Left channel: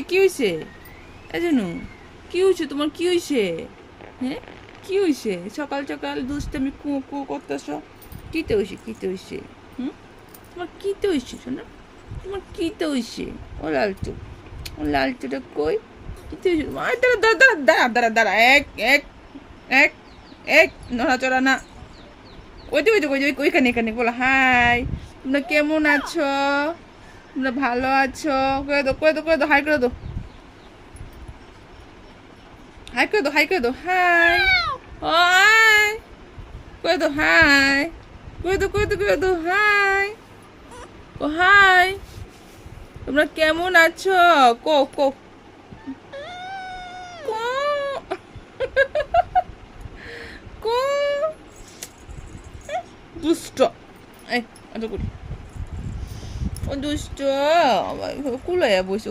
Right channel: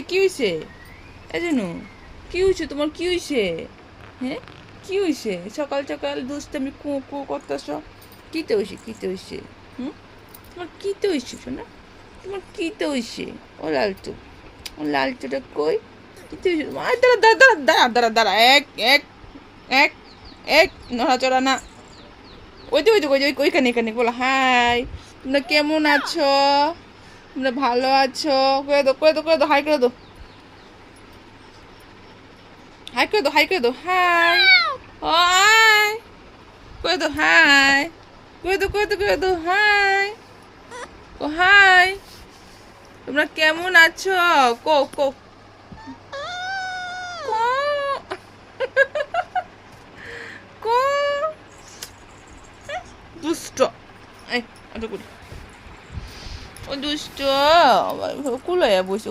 কি হয়েছে এজন্য কি হয়েছে তোমার কি হয়েছে হ্যাঁ কি হয়েছে সকাল সকাল দুষ্টামি কু কু করতেছ কিতে হয়েছে হুম তোমার কিতে হয়েছে শোনা তোমার কিতে হয়েছে ও লালটুটা কই কিতে হয়েছে দাঁড়া দাঁড়া দাঁড়া দাঁড়া দাঁড়া এক এক এক এক নড়াচড়া না ওইখানে এখানে বলো হাই তোমরা কেমন আছো তোমরা ভালো আছো করে দো হাই করে দো হাই করে দো হাই হাই করে দো হাই করে দো হাই ও হাই তোমরা কেমন আছো কো কো কো কো দুষ্ট এই অত করে ও দুষ্ট কুলাইয়া বসে